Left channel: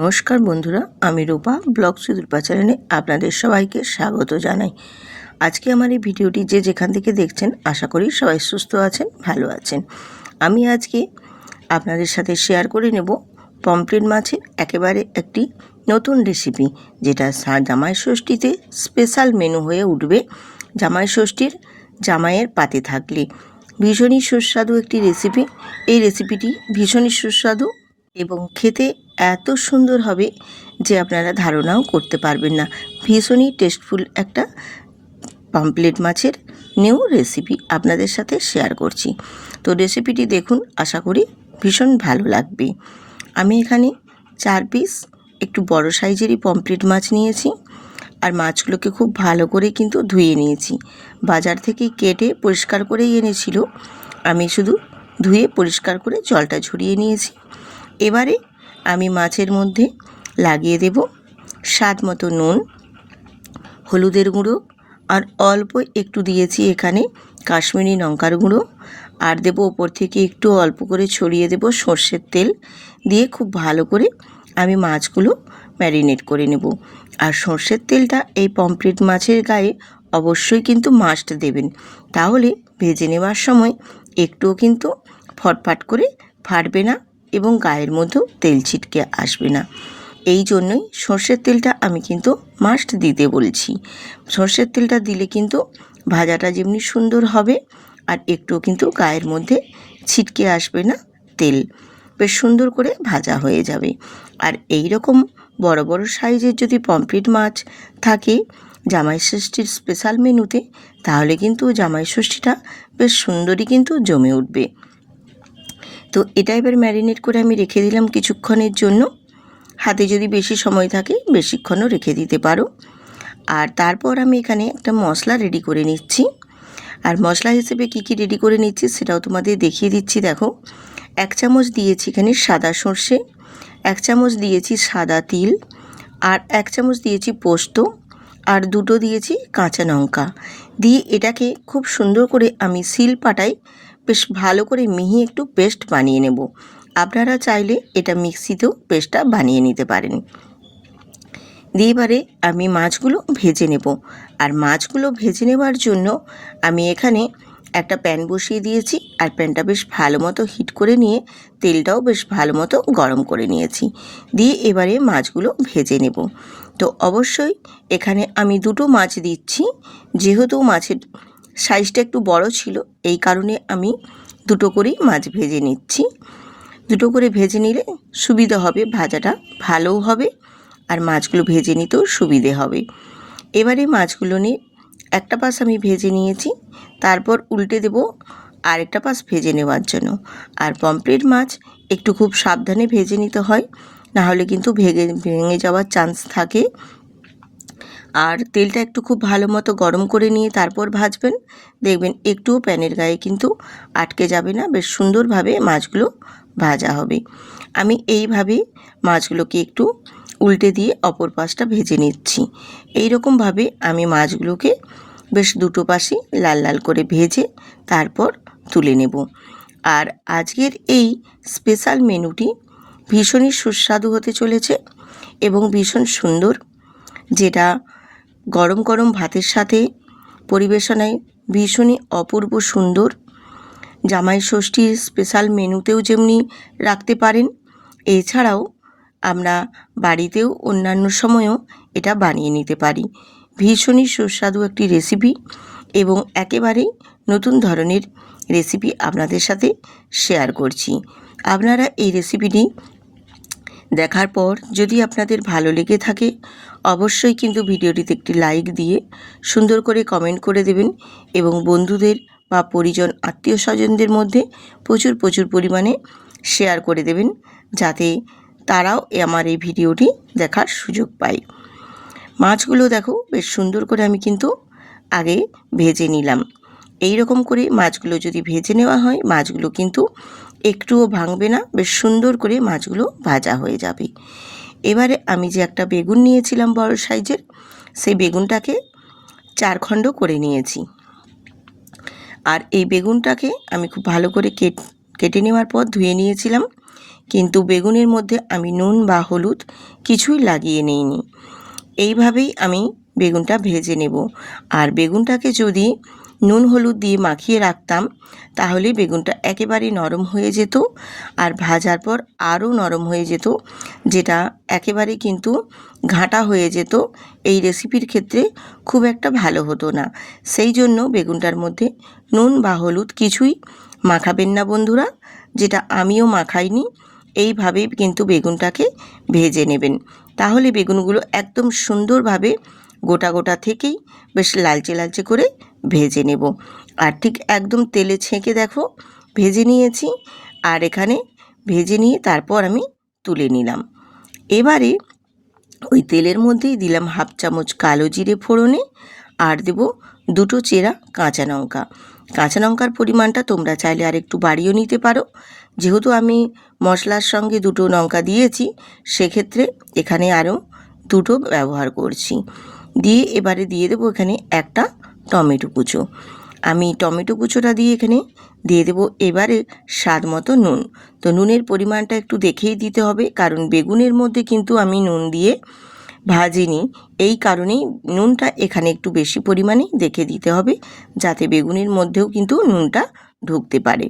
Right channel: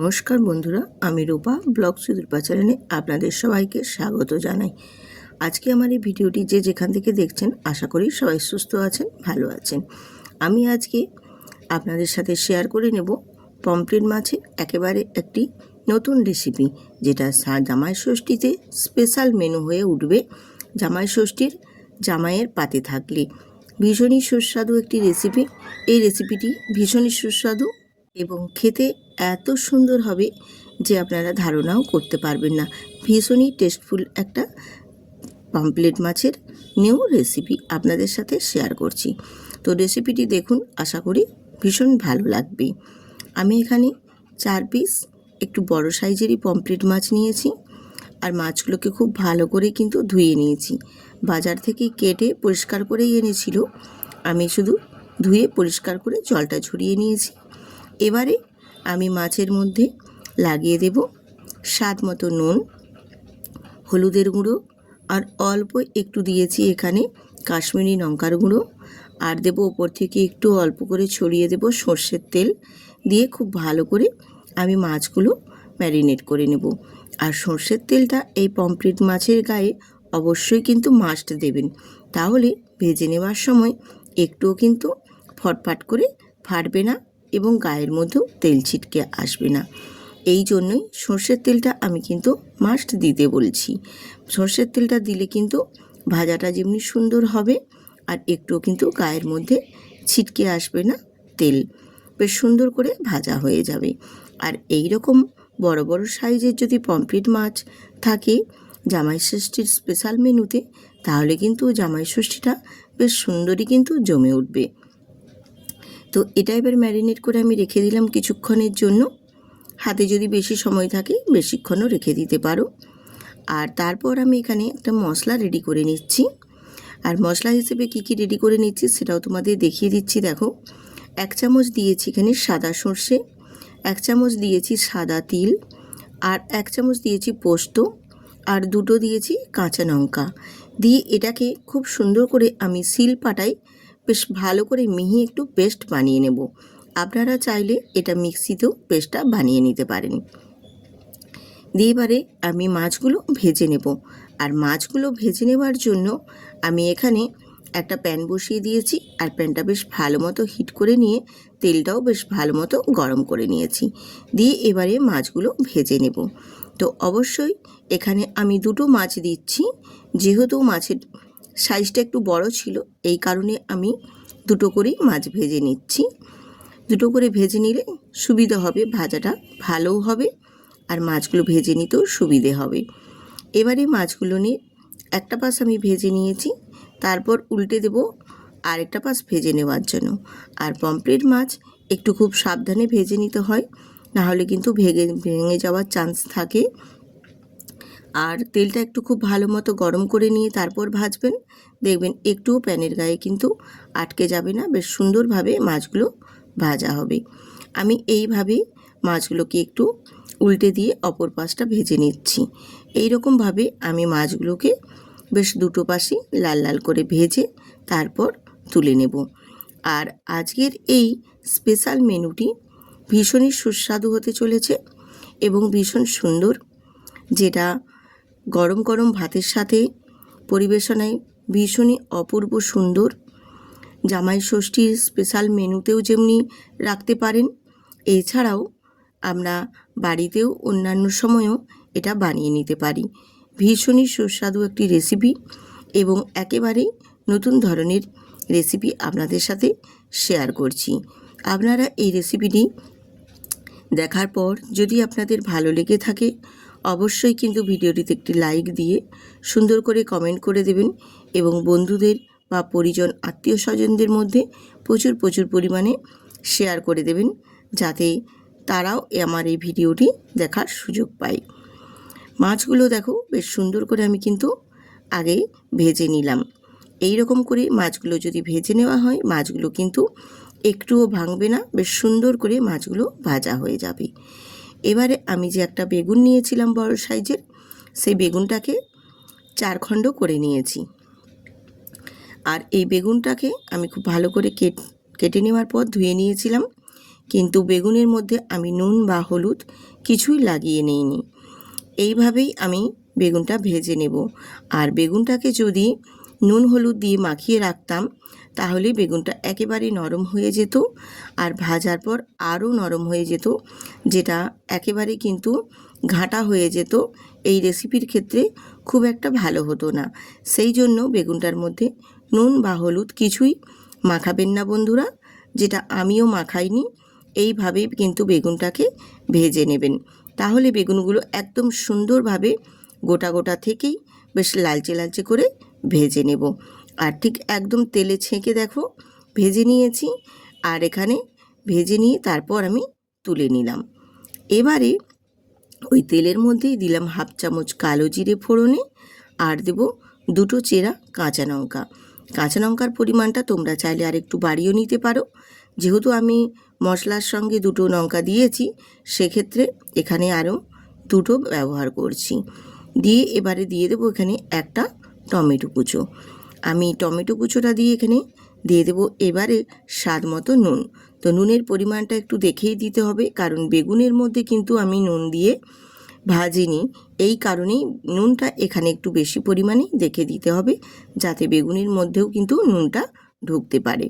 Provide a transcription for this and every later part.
নমস্কার বন্ধুরা, আমি রূপা ব্লগ সুদূরপা চ্যানেলে আপনাদের সবাইকে স্বাগত জানাই। আজকে আমার এই ভিডিওটি যে যেখান থেকে দেখছেন আশা করি সবাই সুস্থ আছেন, ভালো আছেন। আমি আজকে আপনাদের সাথে শেয়ার করে নেব পমফ্রেট মাছের একেবারে একটি নতুন রেসিপি, যেটা জামাই ষষ্ঠীতে স্পেশাল মেনু হয়ে উঠবে। জামাই ষষ্ঠীর জামাইয়ের পাতে থাকলে ভীষণই সুস্বাদু একটি রেসিপি। এই রেসিপিটি ভীষণই সুস্বাদু এবং খেতে এত সুন্দর হবে যে আপনারা ধারণাও করতে পারবেন না। ভীষণই টেস্টফুল একটা পমফ্রেট মাছের নিউ রেসিপি আপনাদের সাথে শেয়ার করছি। তো রেসিপিটি দেখুন, আশা করি ভীষণ ভালো লাগবে। আমি এখানে 4 পিস একটু বড় সাইজেরই পমফ্রেট মাছ নিয়েছি, আর মাছগুলোকে খুব ভালো করে কিন্তু ধুয়ে নিয়েছি। বাজার থেকে কেটে পরিষ্কার করেই এনেছিল, আমি শুধু ধুয়ে পরিষ্কার করে জলটা ঝরিয়ে নিয়েছি। এবারে আমি মাছের মধ্যে লাগিয়ে দেব স্বাদ মতো নুন, হলুদের গুঁড়ো, আর অল্প একটু দিয়েছি এখানে কাশ্মীরি লঙ্কার গুঁড়ো, আর দেব ওপর থেকে একটু অল্প করে ছড়িয়ে দেব সর্ষের তেল দিয়ে খুব ভালো করে আমি মাছগুলো ম্যারিনেট করে নেব। আর সর্ষের তেলটা এই পমফ্রেট মাছের গায়ে অবশ্যই কিন্তু মাস্ট দেবেন, তাহলে ভেজে নেওয়ার সময় একটুও কিন্তু ফটফট করে ফাটবে না এবং গায়ের মধ্যেও তেল ছিটকে আসবে না। এই জন্যই সর্ষের তেলটা আমি কিন্তু মাস্ট দিতে বলছি। সর্ষের তেলটা দিলে কিন্তু ভাজাটা যেমনি সুন্দর হবে, আর একটুও কিন্তু গায়ের মধ্যে ছিটকে আসবে না, তেল বেশ সুন্দর করে ভাজা হয়ে যাবে। আর এই রকম বড় বড় সাইজের যদি পমফ্রেট মাছ থাকে জামাই ষষ্ঠীর স্পেশাল মেনুতে, তাহলে কিন্তু জামাই ষষ্ঠীটা বেশ সুন্দরই কিন্তু জমে উঠবে। তো এটা এবার ম্যারিনেট করে আমি রেখে দিলাম কিছুক্ষণের জন্য। হাতে যদি বেশি সময় থাকে বেশিক্ষণও রেখে দিতে পারো। আর তারপর আমি এখানে একটা মশলা রেডি করে নিচ্ছি। আর মশলা হিসেবে কি কি রেডি করে নিচ্ছি সেটাও তোমাদের দেখিয়ে দিচ্ছি। দেখো, 1 চামচ দিয়েছি এখানে সাদা সর্ষে, 1 চামচ দিয়েছি সাদা তিল, আর 1 চামচ দিয়েছি পোস্ত, আর 2টো দিয়েছি কাঁচা লঙ্কা দিয়ে এটাকে খুব সুন্দর করে আমি শিল পাটায় বেশ ভালো করে মিহি একটু পেস্ট বানিয়ে নেব। আপনারা চাইলে এটা মিক্সিতেও পেস্টটা বানিয়ে নিতে পারেন। দিয়ে এবারে আমি মাছগুলো ভেজে নেব। আর মাছগুলো ভেজে নেওয়ার জন্য আমি এখানে একটা প্যান বসিয়ে দিয়েছি, আর প্যানটা বেশ ভালো মতো হিট করে নিয়ে তেলটাও বেশ ভালো মতো গরম করে নিয়েছি। দিয়ে এবারে মাছগুলো ভেজে নেব। তো অবশ্যই এখানে আমি 2টো মাছ দিচ্ছি, যেহেতু মাছের সাইজটা একটু বড় ছিল এই কারণে আমি 2টো করেই মাছ ভেজে নিচ্ছি। 2টো করে ভেজে নিলে সুবিধা হবে, ভাজাটা ভালোও হবে আর মাছগুলো ভেজে নিতেও সুবিধে হবে। এবারে মাছগুলো নিয়ে একটা পাশ আমি ভেজে নিয়েছি, তারপর উল্টে দেব আরেকটা পাশ ভেজে নেওয়ার জন্য। আর পমফ্রেট মাছ একটু খুব সাবধানে ভেজে নিতে হয়, নাহলে কিন্তু ভেঙে যাওয়ার চান্স থাকে। আর তেলটা একটু খুব ভালো মতো গরম করে নিয়ে তারপর ভাজবেন, দেখবেন একটুও প্যানের গায়ে কিন্তু আটকে যাবে না, বেশ সুন্দরভাবে মাছগুলো ভাজা হবে। আমি এইভাবে মাছগুলোকে একটু উল্টে দিয়ে অপর পাশটা ভেজে নিচ্ছি। এই রকমভাবে আমি মাছগুলোকে বেশ 2টো পাশই লাল লাল করে ভেজে তারপর তুলে নেব। আর আজকের এই স্পেশাল মেনুটি ভীষণই সুস্বাদু হতে চলেছে এবং ভীষণ সুন্দর, যেটা গরম গরম ভাতের সাথে পরিবেশনায় ভীষণই অপূর্ব সুন্দর। জামাই ষষ্ঠীর স্পেশাল মেনুতেও যেমনি রাখতে পারেন, এছাড়াও আমরা বাড়িতেও অন্যান্য সময়ও এটা বানিয়ে নিতে পারি। ভীষণই সুস্বাদু একটি রেসিপি এবং একেবারেই নতুন ধরনের রেসিপি আপনাদের সাথে শেয়ার করছি। আপনারা এই রেসিপিটি দেখার পর যদি আপনাদের ভালো লেগে থাকে অবশ্যই কিন্তু ভিডিওটিতে একটি লাইক দিয়ে সুন্দর করে কমেন্ট করে দেবেন এবং বন্ধুদের বা পরিজন আত্মীয় স্বজনদের মধ্যে প্রচুর প্রচুর পরিমাণে শেয়ার করে দেবেন, যাতে তারাও আমার এই ভিডিওটি দেখার সুযোগ পায়। মাছগুলো দেখো বেশ সুন্দর করে আমি কিন্তু আগে ভেজে নিলাম। এই রকম করে মাছগুলো যদি ভেজে নেওয়া হয় মাছগুলো কিন্তু একটুও ভাঙবে না, বেশ সুন্দর করে মাছগুলো ভাজা হয়ে যাবে। এবারে আমি যে একটা বেগুন নিয়েছিলাম বড় সাইজের, সেই বেগুনটাকে 4 খণ্ড করে নিয়েছি। আর এই বেগুনটাকে আমি খুব ভালো করে কেটে নেওয়ার পর ধুয়ে নিয়েছিলাম। কিন্তু বেগুনের মধ্যে আমি নুন বা হলুদ কিছুই লাগিয়ে নিইনি। এইভাবেই আমি বেগুনটা ভেজে নেব। আর বেগুনটাকে যদি নুন হলুদ দিয়ে মাখিয়ে রাখতাম তাহলে বেগুনটা একেবারেই নরম হয়ে যেত, আর ভাজার পর আরও নরম হয়ে যেত, যেটা একেবারে কিন্তু ঘাঁটা হয়ে যেত। এই রেসিপির ক্ষেত্রে খুব একটা ভালো হতো না। সেই জন্য বেগুনটার মধ্যে নুন বা হলুদ কিছুই মাখাবেন না বন্ধুরা, যেটা আমিও মাখাইনি। এইভাবেই কিন্তু বেগুনটাকে ভেজে নেবেন, তাহলে বেগুনগুলো একদম সুন্দরভাবে গোটা গোটা থেকেই বেশ লালচে লালচে করে ভেজে নেব। আর ঠিক একদম তেলে ছেঁকে দেখো ভেজে নিয়েছি। আর এখানে ভেজে নিয়ে তারপর আমি তুলে নিলাম। এবারে ওই তেলের মধ্যেই দিলাম হাফ চামচ কালো জিরে ফোড়নে, আর দেব দুটো চেরা কাঁচা লঙ্কা। কাঁচা লঙ্কার পরিমাণটা তোমরা চাইলে আর একটু বাড়িয়েও নিতে পারো। যেহেতু আমি মশলার সঙ্গে দুটো লঙ্কা দিয়েছি, সেক্ষেত্রে এখানে আরও দুটো ব্যবহার করছি। দিয়ে এবারে দিয়ে দেবো এখানে একটা টমেটো কুচো। আমি টমেটো কুচোটা দিয়ে এখানে দিয়ে দেবো এবারে স্বাদ মতো নুন। তো নুনের পরিমাণটা একটু দেখেই দিতে হবে, কারণ বেগুনের মধ্যে কিন্তু আমি নুন দিয়ে ভাজিনি। এই কারণেই নুনটা এখানে একটু বেশি পরিমাণে দেখে দিতে হবে, যাতে বেগুনের মধ্যেও কিন্তু নুনটা ঢুকতে পারে।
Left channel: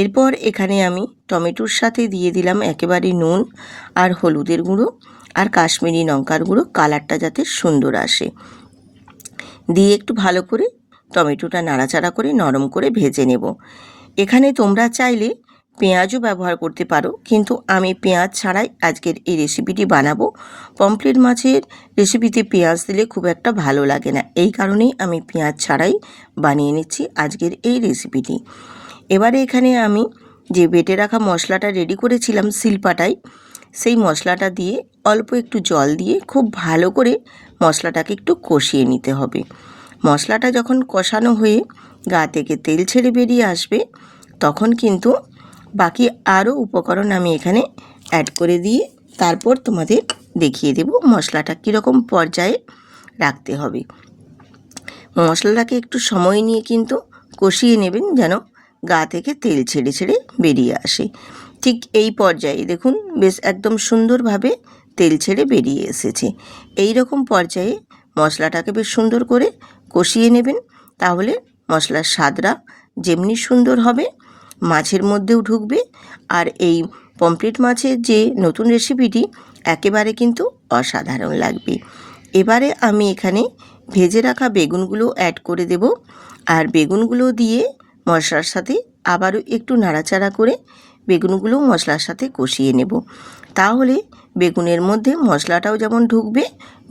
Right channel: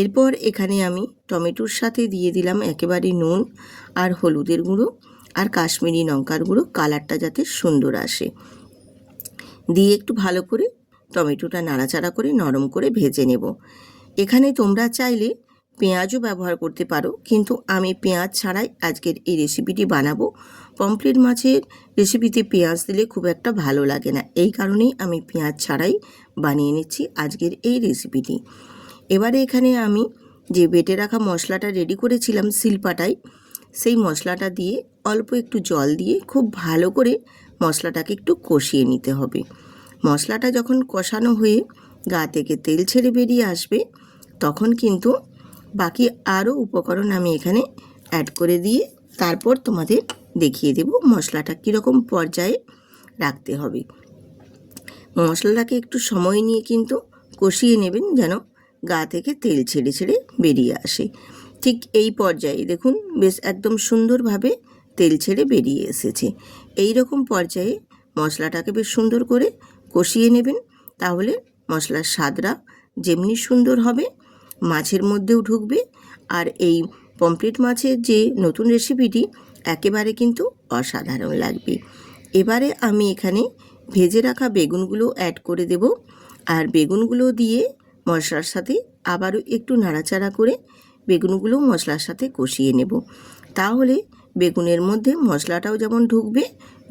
এরপর এখানে আমি টমেটোর সাথে দিয়ে দিলাম একেবারে নুন আর হলুদের গুঁড়ো আর কাশ্মীরি লঙ্কার গুঁড়ো, কালারটা যাতে সুন্দর আসে। দিয়ে একটু ভালো করে টমেটোটা নাড়াচাড়া করে নরম করে ভেজে নেব। এখানে তোমরা চাইলে পেঁয়াজও ব্যবহার করতে পারো, কিন্তু আমি পেঁয়াজ ছাড়াই আজকের এই রেসিপিটি বানাবো। পমফ্রেট মাছের রেসিপিতে পেঁয়াজ দিলে খুব একটা ভালো লাগে না, এই কারণেই আমি পেঁয়াজ ছাড়াই বানিয়ে নিচ্ছি আজকের এই রেসিপিটি। এবারে এখানে আমি যে বেটে রাখা মশলাটা রেডি করেছিলাম শিলপাটায়, সেই মশলাটা দিয়ে অল্প একটু জল দিয়ে খুব ভালো করে মশলাটাকে একটু কষিয়ে নিতে হবে। মশলাটা যখন কষানো হয়ে গা থেকে তেল ছেড়ে বেরিয়ে আসবে, তখন কিন্তু বাকি আরও উপকরণ আমি এখানে অ্যাড করে দিয়ে তারপর তোমাদের দেখিয়ে দেব মশলাটা কীরকম পর্যায়ে রাখতে হবে। মশলাটাকে একটু সময় নিয়ে কিন্তু কষিয়ে নেবেন, যেন গা থেকে তেল ছেড়ে ছেড়ে বেরিয়ে আসে। ঠিক এই পর্যায়ে দেখুন বেশ একদম সুন্দরভাবে তেল ছেড়ে বেরিয়ে এসেছে। এই রকম পর্যায়ে মশলাটাকে বেশ সুন্দর করে কষিয়ে নেবেন, তাহলে মশলার স্বাদটা যেমনি সুন্দর হবে মাছের মধ্যেও ঢুকবে। আর এই পমফ্রেট মাছের যে নতুন রেসিপিটি একেবারে কিন্তু অসাধারণ লাগবে। এবারে আমি এখানে ভেজে রাখা বেগুনগুলো অ্যাড করে দেব, আর বেগুনগুলো দিয়ে মশলার সাথে আবারও একটু নাড়াচাড়া করে বেগুনগুলো মশলার সাথে কষিয়ে নেব। তাহলে বেগুনের মধ্যে মশলাটাও যেমন ঢুকবে,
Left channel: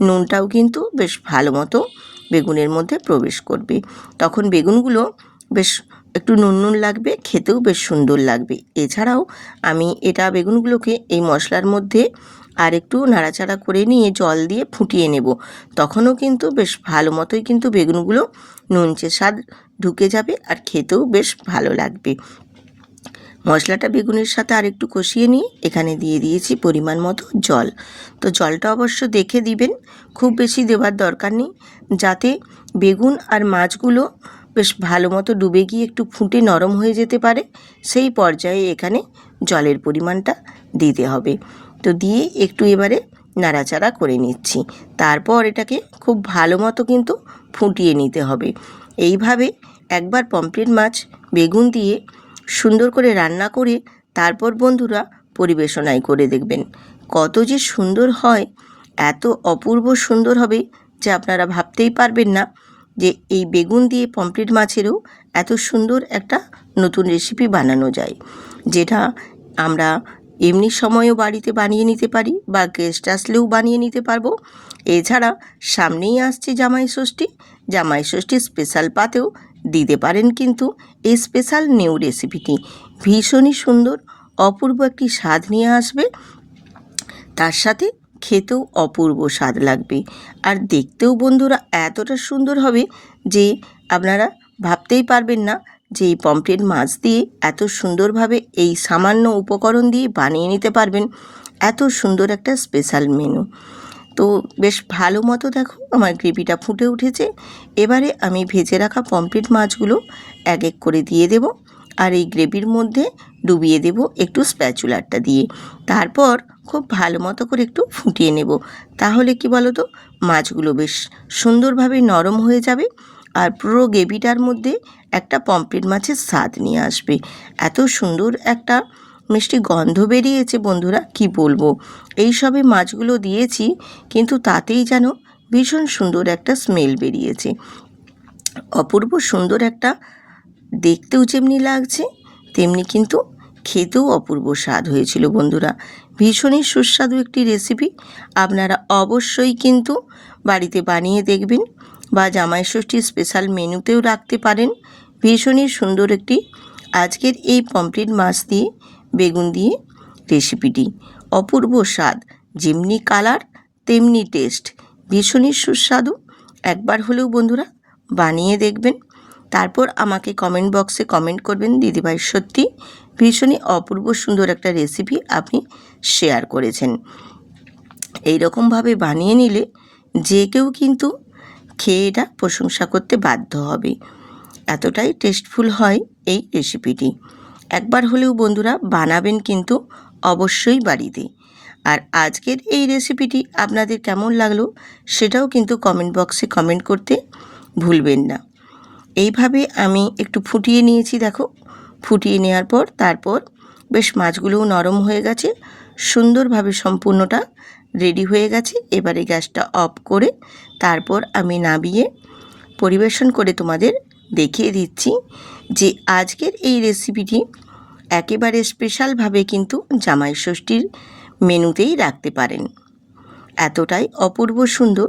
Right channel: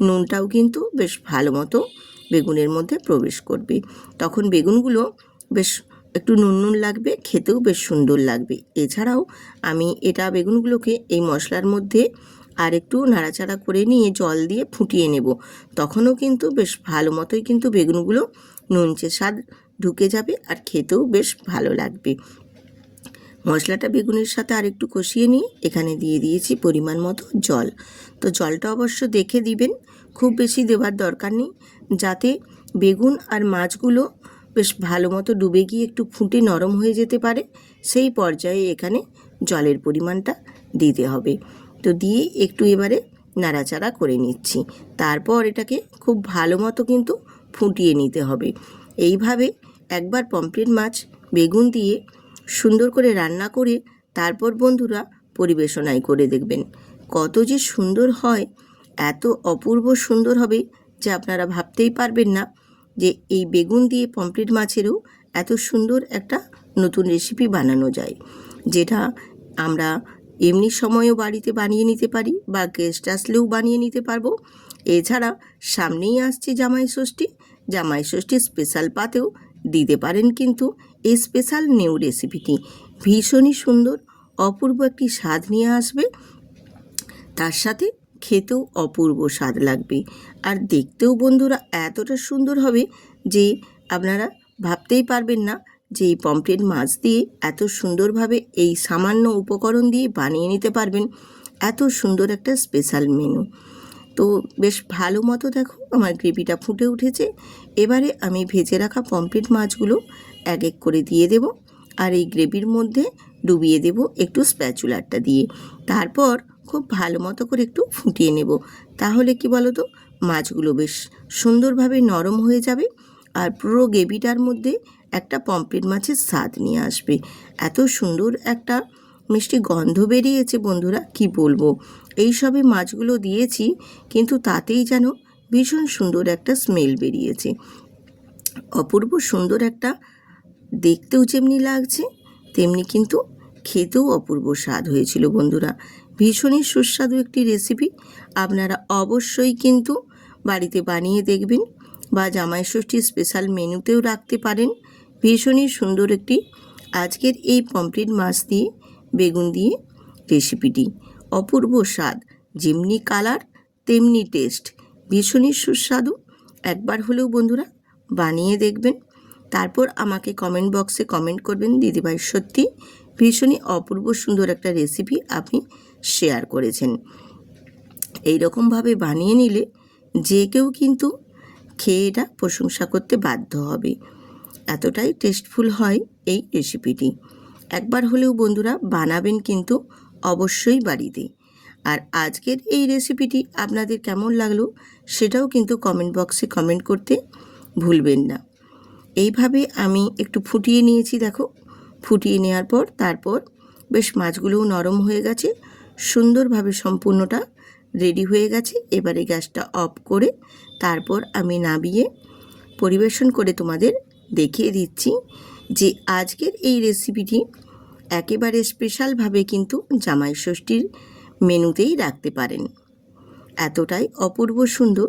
নুনটাও কিন্তু বেশ ভালো মতো বেগুনের মধ্যে প্রবেশ করবে। তখন বেগুনগুলো বেশ একটু নুন নুন লাগবে, খেতেও বেশ সুন্দর লাগবে। এছাড়াও আমি এটা বেগুনগুলোকে এই মশলার মধ্যে আর একটু নাড়াচাড়া করে নিয়ে জল দিয়ে ফুটিয়ে নেব। তখনও কিন্তু বেশ ভালো মতোই কিন্তু বেগুনগুলো নুনচে স্বাদ ঢুকে যাবে, আর খেতেও বেশ ভালো লাগবে। মশলাটা বেগুনের সাথে আর একটু কষিয়ে নিয়ে এখানে দিয়ে দিয়েছি পরিমাণ মতো জল। তো জলটা অবশ্য দেখে দিবেন, খুব বেশি দেওয়ার দরকার নেই, যাতে বেগুন আর মাছগুলো বেশ ভালো মতো ডুবে গিয়ে একটু ফুটে নরম হয়ে যেতে পারে। সেই পর্যায়ে এখানে জলের পরিমাণটা দিতে হবে। তো দিয়ে একটু এবারে নাড়াচাড়া করে নিচ্ছি। তারপর এটাকে খুব ভালো মতো কিন্তু ফুটিয়ে নিতে হবে। এইভাবে একবার পমফ্রেট মাছ বেগুন দিয়ে সুন্দর করে রান্না করে তারপর বন্ধুরা পরিবেশনায় করে দেখবেন, কত যে সুন্দর হয়, এত অপূর্ব সুন্দর হবে যে আপনারা ভাবতেই পারবেন না যে এই বেগুন দিয়ে পমফ্রেট মাছেরও এত সুন্দর একটা নতুন রেসিপি বানানো যায়, যেটা আমরা এমনি সময়ও বাড়িতে বানিয়ে নিতে পারি বা গেস্ট আসলেও বানিয়ে নিতে পারবো। এছাড়া সামনেই আসছে জামাই ষষ্ঠী, জামাই ষষ্ঠীর স্পেশাল পাতেও দিতে পারেন কিন্তু এই স্পেশাল নিউ রেসিপিটি। ভীষণই সুন্দর অপূর্ব একটি স্বাদ নিয়ে আসবে, তার সাথে খেতেও অপূর্ব স্বাদ লাগবে, আর দেখতেও বন্ধুরা এতটা সুন্দর হবে যে আপনারা ভাবতেই পারবেন না যে এই পমফ্রেট মাছ দিয়ে এত সুন্দরভাবে এই সামান্য উপকরণ দিয়ে বানিয়ে নিতে পারবেন এত সুন্দর একটা স্পেশাল মেনু। তো বেশ ভালো মতো দেখো আমার গ্রেভিটা ফুটে উঠেছে। এবারে আমি ভেজে রাখা পমফ্রেট মাছগুলো এক এক করে দিয়ে দেব, আর এই গ্রেভির মধ্যে ডুবিয়ে দেব একটু স্প্যাচুলারটা দিয়ে। তারপর খুব ভালো মতো করে একটু ফুটিয়ে নেব। তাহলে কি বলো তো, মাছগুলো বেশ সুন্দরভাবে নরম হয়ে যাবে আর পুরো গ্রেভিটার মধ্যে একটা পমফ্রেট মাছের স্বাদ নিয়ে আসবে। এত সুন্দর একটা মিষ্টি গন্ধ বেরিয়েছে বন্ধুরা, কি বলবো। এই সবে মাছগুলো দিয়েছি, কিন্তু তাতেই যেন ভীষণ সুন্দর একটা স্মেল বেরিয়েছে। অপূর্ব সুন্দর একটা, দেখতেও যেমনি লাগছে তেমনি কিন্তু খেতেও অপূর্ব স্বাদ হয়েছিল বন্ধুরা। ভীষণই সুস্বাদু একটি রেসিপি। আপনারা অবশ্যই কিন্তু বাড়িতে বানিয়ে দেখবেন বা জামাই ষষ্ঠীর স্পেশাল মেনুতেও রাখতে পারেন। ভীষণই সুন্দর একটি আজকের এই পমফ্রেট মাছ দিয়ে বেগুন দিয়ে রেসিপিটি। অপূর্ব স্বাদ, যেমনি কালার তেমনি টেস্ট, ভীষণই সুস্বাদু। একবার হলেও বন্ধুরা বানিয়ে দেখবেন। তারপর আমাকে কমেন্ট বক্সে কমেন্ট করবেন, দিদিভাই সত্যি ভীষণই অপূর্ব সুন্দর একটা রেসিপি আপনি শেয়ার করেছেন। এই রকমভাবে বানিয়ে নিলে যে কেউ কিন্তু খেয়ে এটা প্রশংসা করতে বাধ্য হবে। এতটাই টেস্টফুল হয় এই রেসিপিটি। একবার হলেও বন্ধুরা বানাবেন কিন্তু অবশ্যই বাড়িতে। আর আজকের এই রেসিপিটি আপনাদের কেমন লাগলো সেটাও কিন্তু কমেন্ট বক্সে কমেন্ট করতে ভুলবেন না। এইভাবে আমি একটু ফুটিয়ে নিয়েছি, দেখো। ফুটিয়ে নেওয়ার পর তারপর বেশ মাছগুলোও নরম হয়ে গেছে, সুন্দরভাবে সম্পূর্ণটা রেডি হয়ে গেছে। এবারে গ্যাসটা অফ করে তারপর আমি নামিয়ে পরিবেশন করে তোমাদের দেখিয়ে দিচ্ছি যে আজকের এই রেসিপিটি একেবারে স্পেশালভাবে কিন্তু জামাই ষষ্ঠীর মেনুতেই রাখতে পারেন। এতটাই অপূর্ব সুন্দর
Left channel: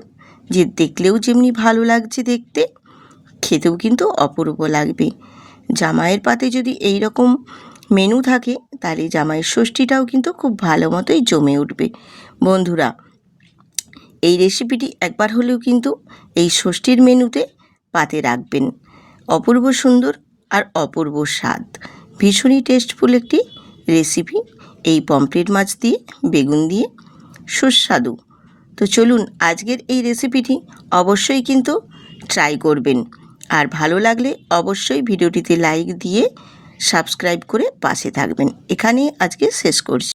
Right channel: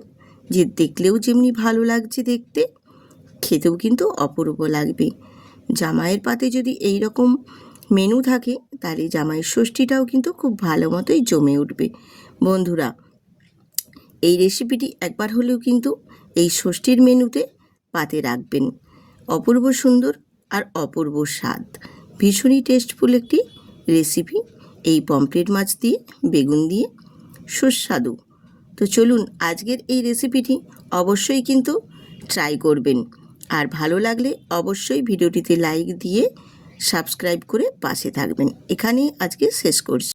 যে দেখলেও যেমনি ভালো লাগছে দেখতে, খেতেও কিন্তু অপূর্ব লাগবে। জামাইয়ের পাতে যদি এই রকম মেনু থাকে তাহলে জামাই ষষ্ঠীটাও কিন্তু খুব ভালো মতোই জমে উঠবে। বন্ধুরা, এই রেসিপিটি একবার হলেও কিন্তু এই ষষ্ঠীর মেনুতে পাতে রাখবেন। অপূর্ব সুন্দর আর অপূর্ব স্বাদ, ভীষণই টেস্টফুল একটি রেসিপি এই পমফ্রেট মাছ দিয়ে বেগুন দিয়ে, সুস্বাদু। তো চলুন আজকের এই রেসিপিটি অবশ্যই কিন্তু ট্রাই করবেন। আর ভালো লাগলে অবশ্যই ভিডিওটিতে লাইক দিয়ে সাবস্ক্রাইব করে পাশে থাকবেন। এখানেই আজকে শেষ করছি।